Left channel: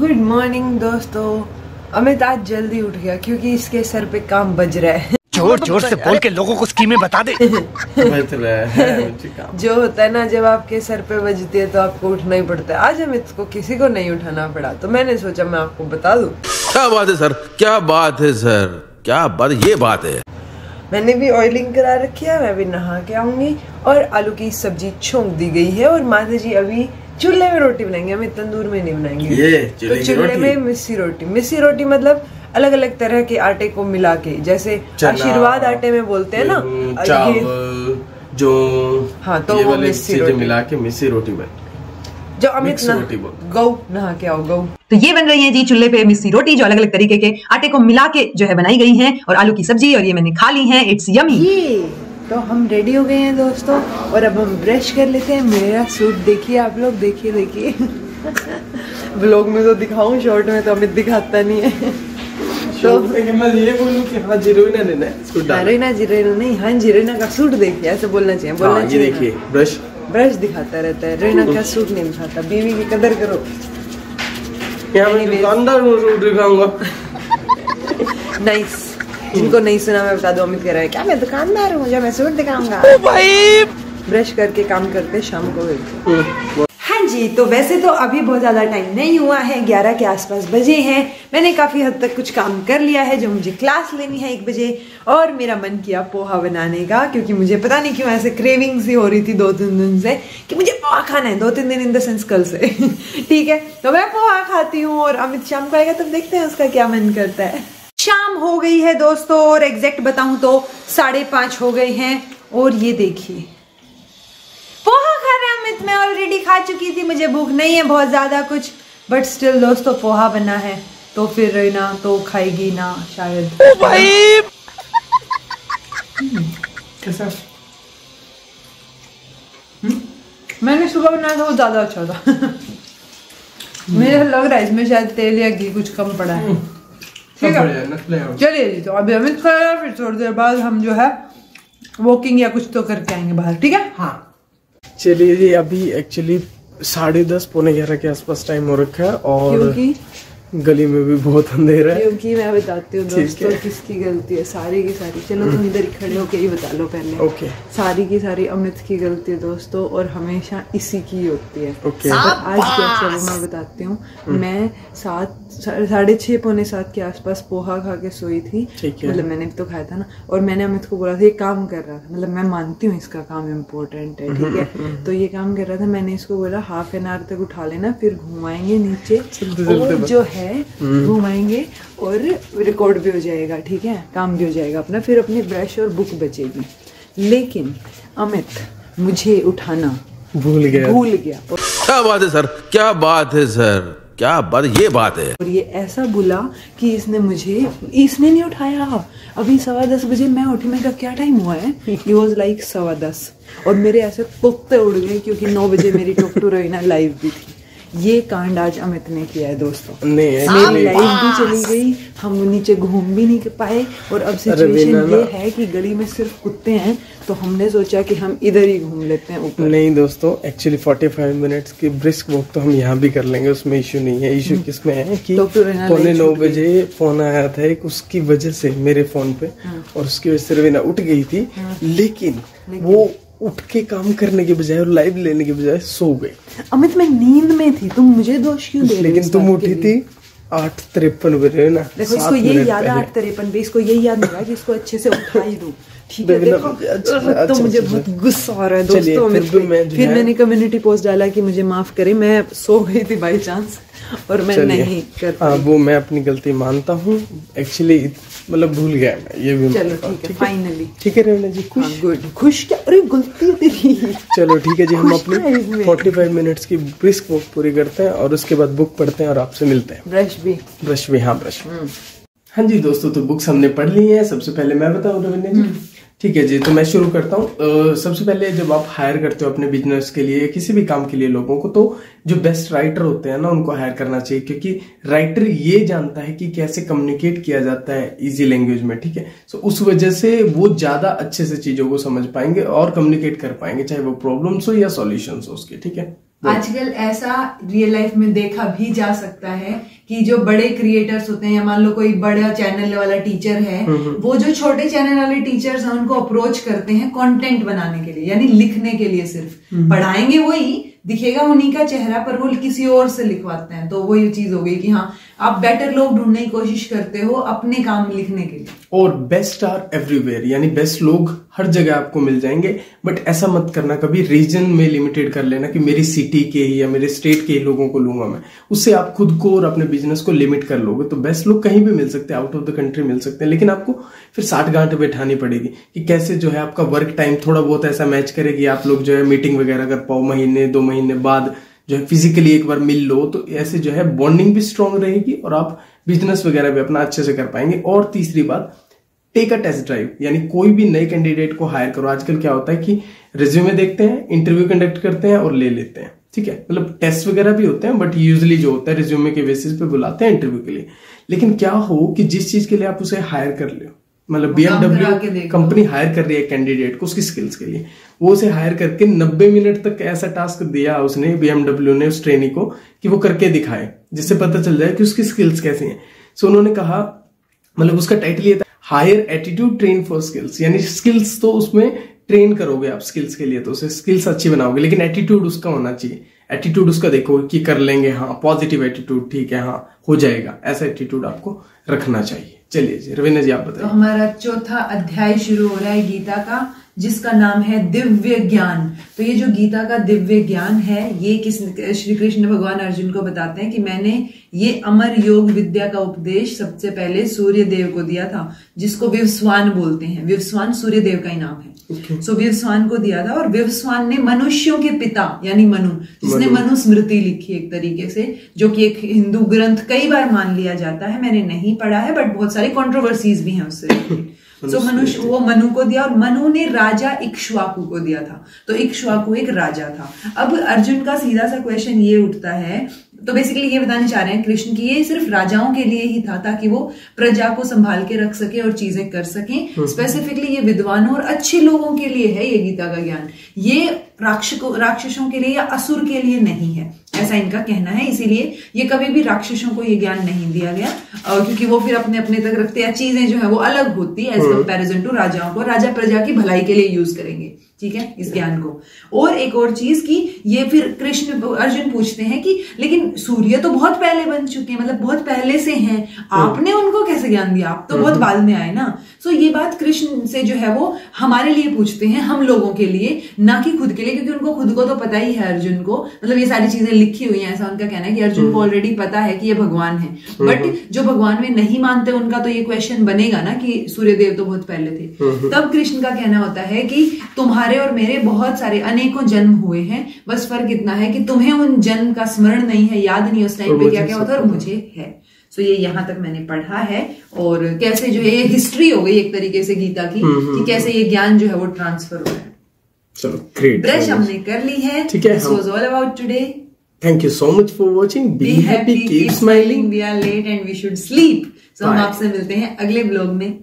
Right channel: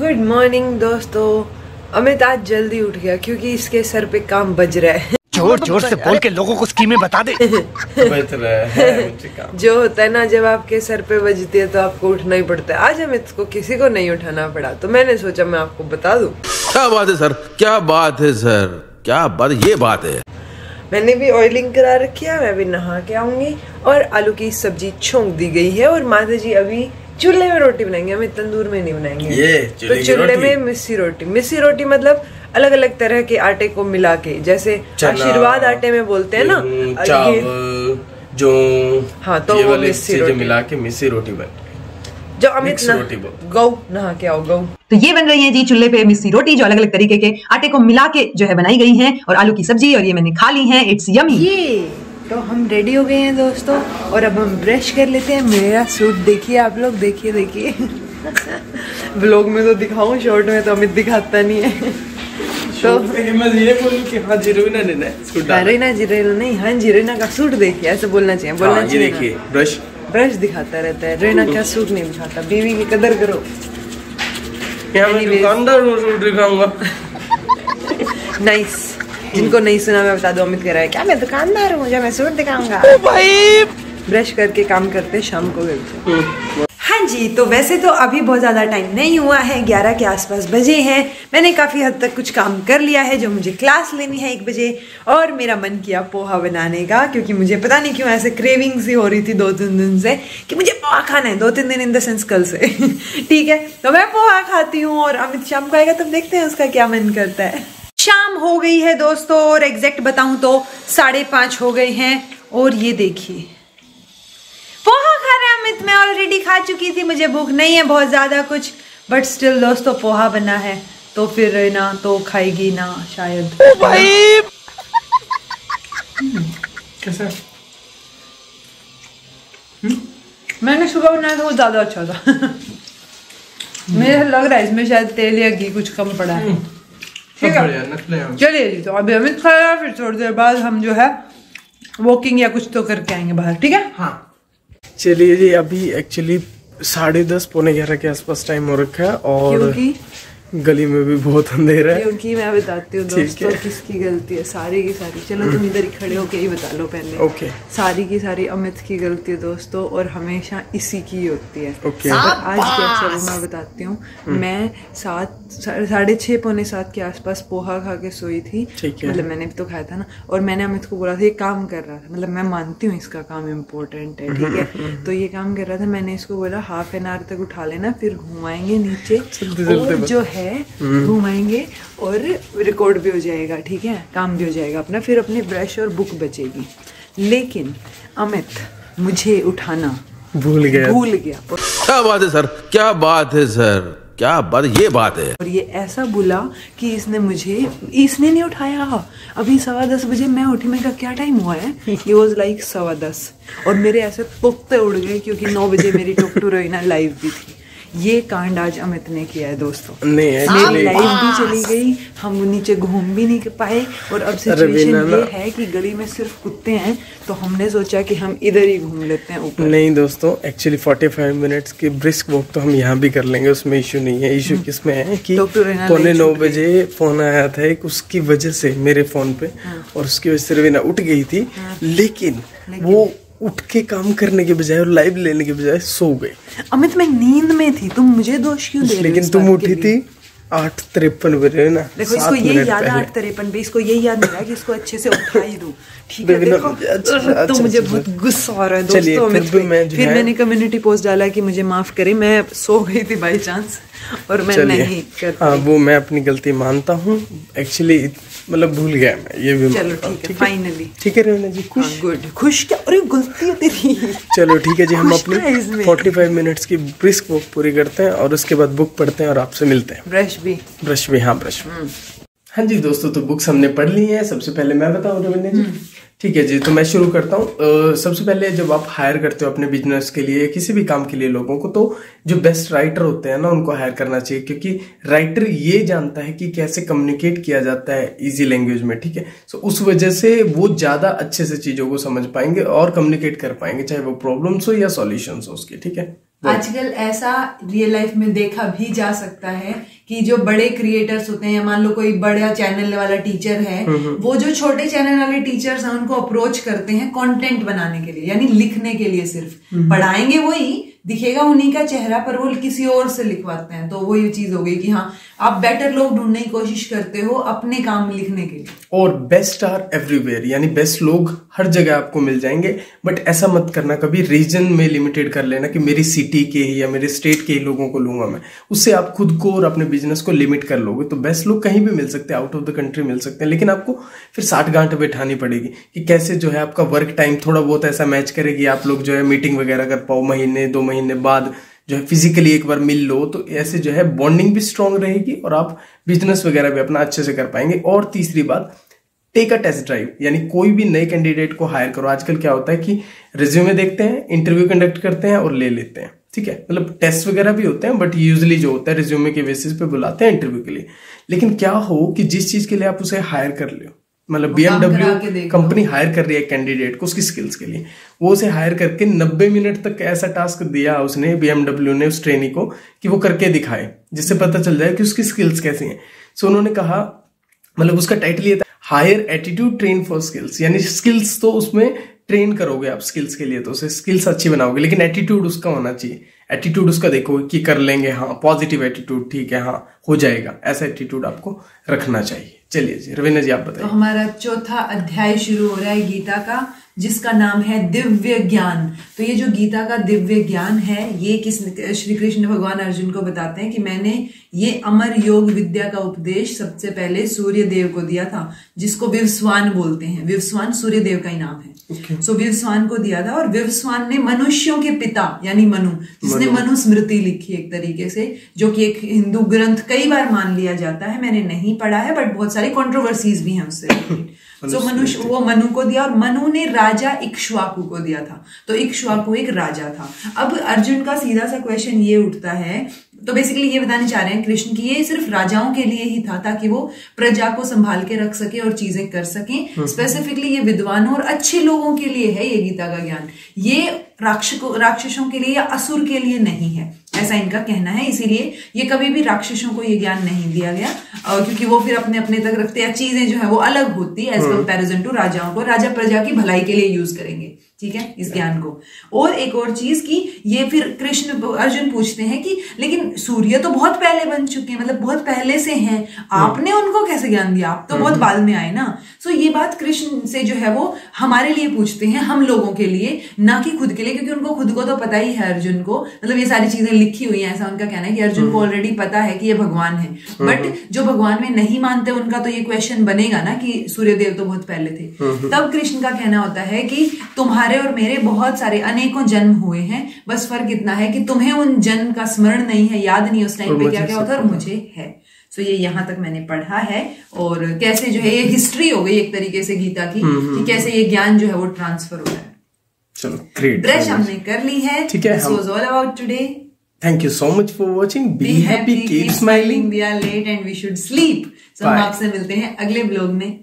Good morning दोस्तों। अमित आज जल्दी उठ गया क्योंकि इसके सर पे काम बज रहा है। जोर जोर से बोल के लोगों को स्कीमें बता दे। जो होता है ना, जब आपके सर पे बजती है तो आपको उठना ही पड़ता है। आज अमित को किसी को नहीं उठाना पड़ा तो मैंने सोचा मैं आपको बता दूं। क्या बात है सर, क्या बात है सर, क्या बात, ये बात है। मैंने भी ऑयलिंग करा रखी है, मैं भी नहा के आऊंगी और आलू की सब्जी छोंक दी गई है और माता जी अभी चूल्हे में रोटी बनाएंगे, हमें तंदूर में नहीं बनाएंगे। तो चूल्हे में मिस्सी रोटी मतलब अलग अलग तरह के आटे को मिला के, जैसे आशीर्वाद आटे में बोलते हैं ना, चावल जो हाँ, तो ये वो वाले चीजें मिला के मिस्सी रोटी बन, जो अमित गौ नहा के आओ गौ। तो ये बन रही है जी चूल्हे पे मिस्सी रोटी, जो अलग अलग तरीके के आटे को मिला के जो है बनाई गई है, और आलू की सब्जी, और ये मैंने खा ली है। It's yummy. तो हम रेडी हो गए हैं दोस्तों और अब हम ब्रश कर लेते हैं। मेरा सूट देखिए आप लोग, देखिए ब्लॉग में तो दिखाऊं, शॉर्ट में तो अमित दिखाता नहीं है। तो मैं जीरे बोलूं कि हाँ जीरेना नहीं, हाँ जीरेना का सूट देखिए, ऐसे बोलना चाहिए। बोलना चाहिए। देखिए ब्रश दिखाता रहता है, रेना का सूट नहीं दिखाता। बीवी की कदर करो। मैं दुकानदार को सूट दिखाऊंगा। नाइस। जिनको नहीं सुना मैं बता दूं, अमित कह रहा है क्या मैं दुकानदार हूँ जो मैं सूट दिखाऊंगा। ओ भाई ब्रश करके काम करते शाम को गए। हाँ जी, तो वैसे तो अभी बहुत ज्यादा टाइम नहीं हुआ है, 11 के आसपास बजे हैं। मैंने काफी हद तक कुछ काम कर लिया है, जो मुझे क्लास लेनी है 1 बजे, और मेरा मन किया पोहा बनाने का, क्योंकि मुझे पता नहीं क्यों ऐसे क्रेविंग सी हो रही थी 2-3 दिन से कि मुझे पोहा खाना है। 2-3 दिन इन द सेंस कल से। ठीक है, तो मैं पोहा खाती हूँ और अमित शाम को आएगा, तब देखते हैं उसका क्या मन करता है। शाम हो गई है दोस्तों, और एग्जैक्ट बताऊं तो 5:30 हो गए हैं, और ये देखिए पोहा खा रहे हैं अमित। मैं ऑलरेडी खा चुकी थी, मुझे भूख नहीं है बहुत ज्यादा कुछ, बट स्टिल दोस्तों पोहा बना है तो फिर ना तो खाएगी ना शायद। ओ भाई कैसे? मैंने सुबह बनाया था वो ज्यादा अच्छा था। मुझे लग रहा है इसमें शायद तेल या घी कुछ कम पड़ा है। ठीक है, चलिए जी, तो अभी अमित खाया, फिर थोड़ी देर बाद हम जो है वॉकिंग या कुछ तो करके आएंगे बाहर। ठीक है, हाँ चलिए जी। अभी एक्चुअली 10:30 पौने 11 के आसपास टाइम हो रखा है, और क्योंकि गली में भी बहुत अंधेरा है। क्योंकि मैं बताती हूँ दोस्तों किसकी गलती है, सारी की सारी। चलो तुम इधर ही खड़े होके ही बता लो पहले। ओके। सारी की सारी अमित की गलती है दोस्तों, और हमेशा इसी की होती है। ओके। आज चलो मैं बताती हूँ। मैं 6:30 पौने 7 के आसपास पोहा खा के सोई थी। मतलब मैंने भी तो खाया था ना, और मैंने अमित को बोला था ये काम कर रहा था, मतलब मैं मानती हूँ इसका काम इम्पोर्टेंट है, ठीक है, तो ये काम कर रहा था। मैंने इसको बोला ½ एन आवर तक उठा लेना, फिर घुमाएंगे नीचे, और जो है घुमाएंगे और रिकॉर्ड भी हो जाएगा, ठीक है, काम भी हो जाएगा अपना, फिर अपनी ब्रश और बुक बचेगी। लेकिन अमित मुझे उठाना भूल गया। क्या बात है सर, क्या बात है सर, क्या बात, ये बात है। और ये ऐसा बोला कि इसने नहीं उठाया। अभी 10:15 बजे मैं उठी, मैं कहा क्या टाइम हुआ है? It was like 10:15, और मेरे ऐसे पुख्ते उड़ गए, क्योंकि 9 बजे मेरी टॉक टू रोइना लाइव भी थी। ये कांड आज अमित ने किया है दोस्तों। नहीं, लाइव भी चली गई, हम नीचे घूम भी नहीं पाए, और अब सिचुएशन ये है कि गली में सिर्फ कुत्ते हैं, तो हमने सोचा कि हम इधर ही घूम लेते हैं ऊपर। नहीं दोस्तों, एक्चुअली 45 मिनट्स की ब्रिस्क वॉक तो हम यहाँ भी कर लेंगे, उसमें इशू नहीं है। इशू किसमें है कि 9:15 बजे फोन आया था एक, उसकी वजह से मेरे फोन पे, और उसकी वजह से रवीना उठ गई थी, लेकिन वो उठ के काम करने के बजाय और लाइव लेने के बजाय सो गई। अमित मैं नींद में थी, तुम मुझे दोष क्यों दे रहे हो? लेकिन तुम उठी थी 8:53 बजे ना। देखो इसको यही याद है 8:53 पे, इसको यही याद नहीं है कि इसको अच्छे से उठा ही दो, ठीक है। देखो तो मुझे बहुत गुस्सा आ रहा है दोस्तों। फिर मैंने कम्युनिटी पोस्ट डाला कि मुझे माफ करें, मैं सो गई थी बाई चांस, और मैं नहीं करता। हाँ, वो मैं अपनी गलती मानता हूँ, एक्चुअली मतलब भूल गया मैं, ये भी। चलो ठीक है, फाइनली ठीक है रवीना जी, खुश? गुड। खुश क्या? अरे गलती होती थी। चलो ठीक है जी, हम अपनी 45 मिनट्स की ब्रिस्क वॉक पूरी करते हैं, और उसके बाद बुक पढ़ते हैं और आपसे मिलते हैं। ब्रश भी। हाँ, ब्रश। हाँ जी दोस्तों, तो बुक्स हमने पढ़ ली है। सबसे पहले मैं बताऊँ रवीना जी? ठीक है जी, तो मैं शुरू करता हूँ। सबसे पहले जब आप हायर करते हो अपने बिजनेस के लिए, किसी भी काम के लिए लोगों को, तो जो बेस्ट राइटर होते हैं ना, उनको हायर करना चाहिए, क्योंकि राइटर ये जानता है कि कैसे कम्युनिकेट किया जाता है इजी लैंग्वेज में, ठीक है। सो उस वजह से वो ज्यादा अच्छे से चीजों को समझ पाएंगे और कम्युनिकेट कर पाएंगे, चाहे वो प्रॉब्लम्स हो या सॉल्यूशंस हो उसके, ठीक है। आजकल ऐसा रियल लाइफ में देखा भी जा सकता है कि जो बड़े क्रिएटर्स होते हैं, मान लो कोई बड़ा चैनल वाला टीचर है, वो जो छोटे चैनल वाले टीचर्स हैं उनको अप्रोच करते हैं कंटेंट बनाने के लिए, यानी लिखने के लिए। सिर्फ पढ़ाएंगे वही, दिखेगा उन्हीं का चेहरा, पर वो किसी और से लिखवाते हैं। तो वो ये चीज हो गई कि हाँ, आप बेटर लोग ढूंढने की कोशिश करते हो अपने काम लिखने के लिए। और बेस्ट आर एवरीवेयर, यानी बेस्ट लोग हर जगह आपको मिल जाएंगे। बट ऐसा मत करना कभी रीजन में लिमिटेड कर लेना कि मेरी सिटी के ही या मेरे स्टेट के ही लोगों को लूंगा मैं। उससे आप खुद को और अपने बिजनेस को लिमिट कर लोगे। तो बेस्ट लोग कहीं भी मिल सकते हैं, आउट ऑफ द कंट्री मिल सकते हैं, लेकिन आपको फिर 60 घंटे बैठानी पड़ेगी कि कैसे जो है आपका वर्क टाइम थोड़ा बहुत ऐसा मैच करेगी, आप लोग जो है मीटिंग वगैरह कर पाओ, महीने 2 महीने बाद जो है फिजिकली एक बार मिल लो। तो ऐसे जो है बॉन्डिंग भी स्ट्रांग रहेगी और आप बिजनेस वगैरह भी अपना अच्छे से कर पाएंगे। और तीसरी बात, टेक अ टेस्ट ड्राइव, यानी कोई भी नए कैंडिडेट को हायर करो। आजकल क्या होता है कि रिज्यूमे देखते हैं, इंटरव्यू कंडक्ट करते हैं और ले लेते हैं, ठीक है, मतलब टेस्ट वगैरह भी होते हैं, बट यूजुअली जो होता है रिज्यूमे के बेसिस पे बुलाते हैं इंटरव्यू के लिए। लेकिन क्या हो कि जिस चीज के लिए आप उसे हायर कर लो, मतलब BMW कंपनी हायर कर रही है कैंडिडेट को उसकी स्किल्स के लिए, वो उसे हायर करके 90 मिनट तक ऐसा टास्क दिया उसने, BMW ने उस ट्रेनी को, कि वो करके दिखाए, जिससे पता चल जाए कि उसकी स्किल्स कैसे हैं। सो उन्होंने कहा, मतलब उसका टाइटल ये था, hire attitude train for skills, यानी स्किल्स तो उसमें ट्रेन करोगे आप स्किल्स के लिए, तो उसे स्किल्स अच्छी बनाओगे, लेकिन एटीट्यूड उसका होना चाहिए। एटीट्यूड उसका देखो कि कर लेंगे, हाँ पॉजिटिव एटीट्यूड, ठीक है, हाँ हो जाएगा, ऐसा एटीट्यूड आपको रखना चाहिए। चलिए जी रवीना जी आप बताइए। तो हमारा चौथा अध्याय शुरू हो रहा है गीता का, जिसका नाम है दिव्य ज्ञान। तो ये जो गीता का दिव्य ज्ञान है, ये श्री कृष्ण भगवान अर्जुन को बताते हैं कि मैंने ये अमर योग विद्या का उपदेश सबसे पहले सूर्य देव को दिया था, जिसको विवस्वान बोलते हैं। विवस्वान सूर्य देव का ही नाम है। सो विवस्वान को दिया था, और विवस्वान ने मनुष्यों के पिता यानी मनु, जिसने मनुस्मृति लिखी एक तरीके से, जो कि एक हिंदू ग्रंथ कई बार मान लिया जाता है। मैंने नहीं पढ़ा है, बट बहुत सारे कंट्रोवर्सीज भी हैं उससे। सो मनुष्य वो मनु को दिया, और मनु ने राजा इक्ष्वाकु को दिया था। तो इक्ष्वाकु एक राजा था। अब अर्जुन का सीधा सा क्वेश्चन ये उठता है, तो बेसिकली ये बताने चाह रहे हैं कृष्ण की ये सिर्फ राजाओं के लिए ही था, ताकि वो प्रजा को संभाल के रख सके और चीजें कर सके। स्पेसिफिकली ये विद्वानों और अच्छे लोगों के लिए है ये गीता का ज्ञान, ये राक्षसों के लिए या असुर के लिए नहीं है, ऐसा इनका कहना है। इसीलिए ये कभी भी राक्षसों को ये ज्ञान नहीं दिया गया, क्योंकि वो फिर अपने अपने तक रखते हैं। चीजें जो है वो अलग होती है एज कंपेरिजन टू राजाओं को। राजा प्रजा की भलाई के लिए यूज करेंगे, ठीक है, इस ज्ञान को। और एक और चीज की ये फिर अर्जुन पूछते हैं कि लेकिन सूर्य तो बहुत पहले बन चुके हैं, मतलब बहुत पहले से हैं, आपने उनको कैसे ज्ञान दिया, आप तो बहुत बाद में आए ना। सो ये बात कृष्ण से जो है वो हमारे लिए पूछते हैं, हम लोगों के लिए, ना कि खुद के लिए, क्योंकि उनको खुद को तो पता ही है अर्जुन को, मतलब ये सारी चीजें लिखी हुई हैं, ऐसा उनका कहना है कि अर्जुन को ऑलरेडी पता है कि ये भगवान है। बट जो भगवान में नहीं मानते उनका तो ये क्वेश्चन बनेगा ना कि सूर्यदेव तो बहुत पहले थे। तब कृष्ण का कहना होता है कि तुम्हारे और मेरे बहुत सारे अनेकों जन्म हुए हैं, बस फर्क इतना है कि तुम्हें उन जन्म का स्मरण नहीं है, याद नहीं उस टाइम पे क्या क्या होता, और मुझे है। सो ये यहाँ तक मैंने पढ़ा है, और कैसे जो है ये हिस्ट्री हो गई एक तरीके से गीता की, कि कैसे ये ज्ञान जो है वो ट्रांसफर हो रहा है। चलो ग्रेट, ब्रश हमने कर ली है, ठीक है। This was all about today. Thank you so much for watching. Be happy, keep smiling, we are late and we should sleep. So हम आपसे मिलते हैं अगले ब्लॉग में।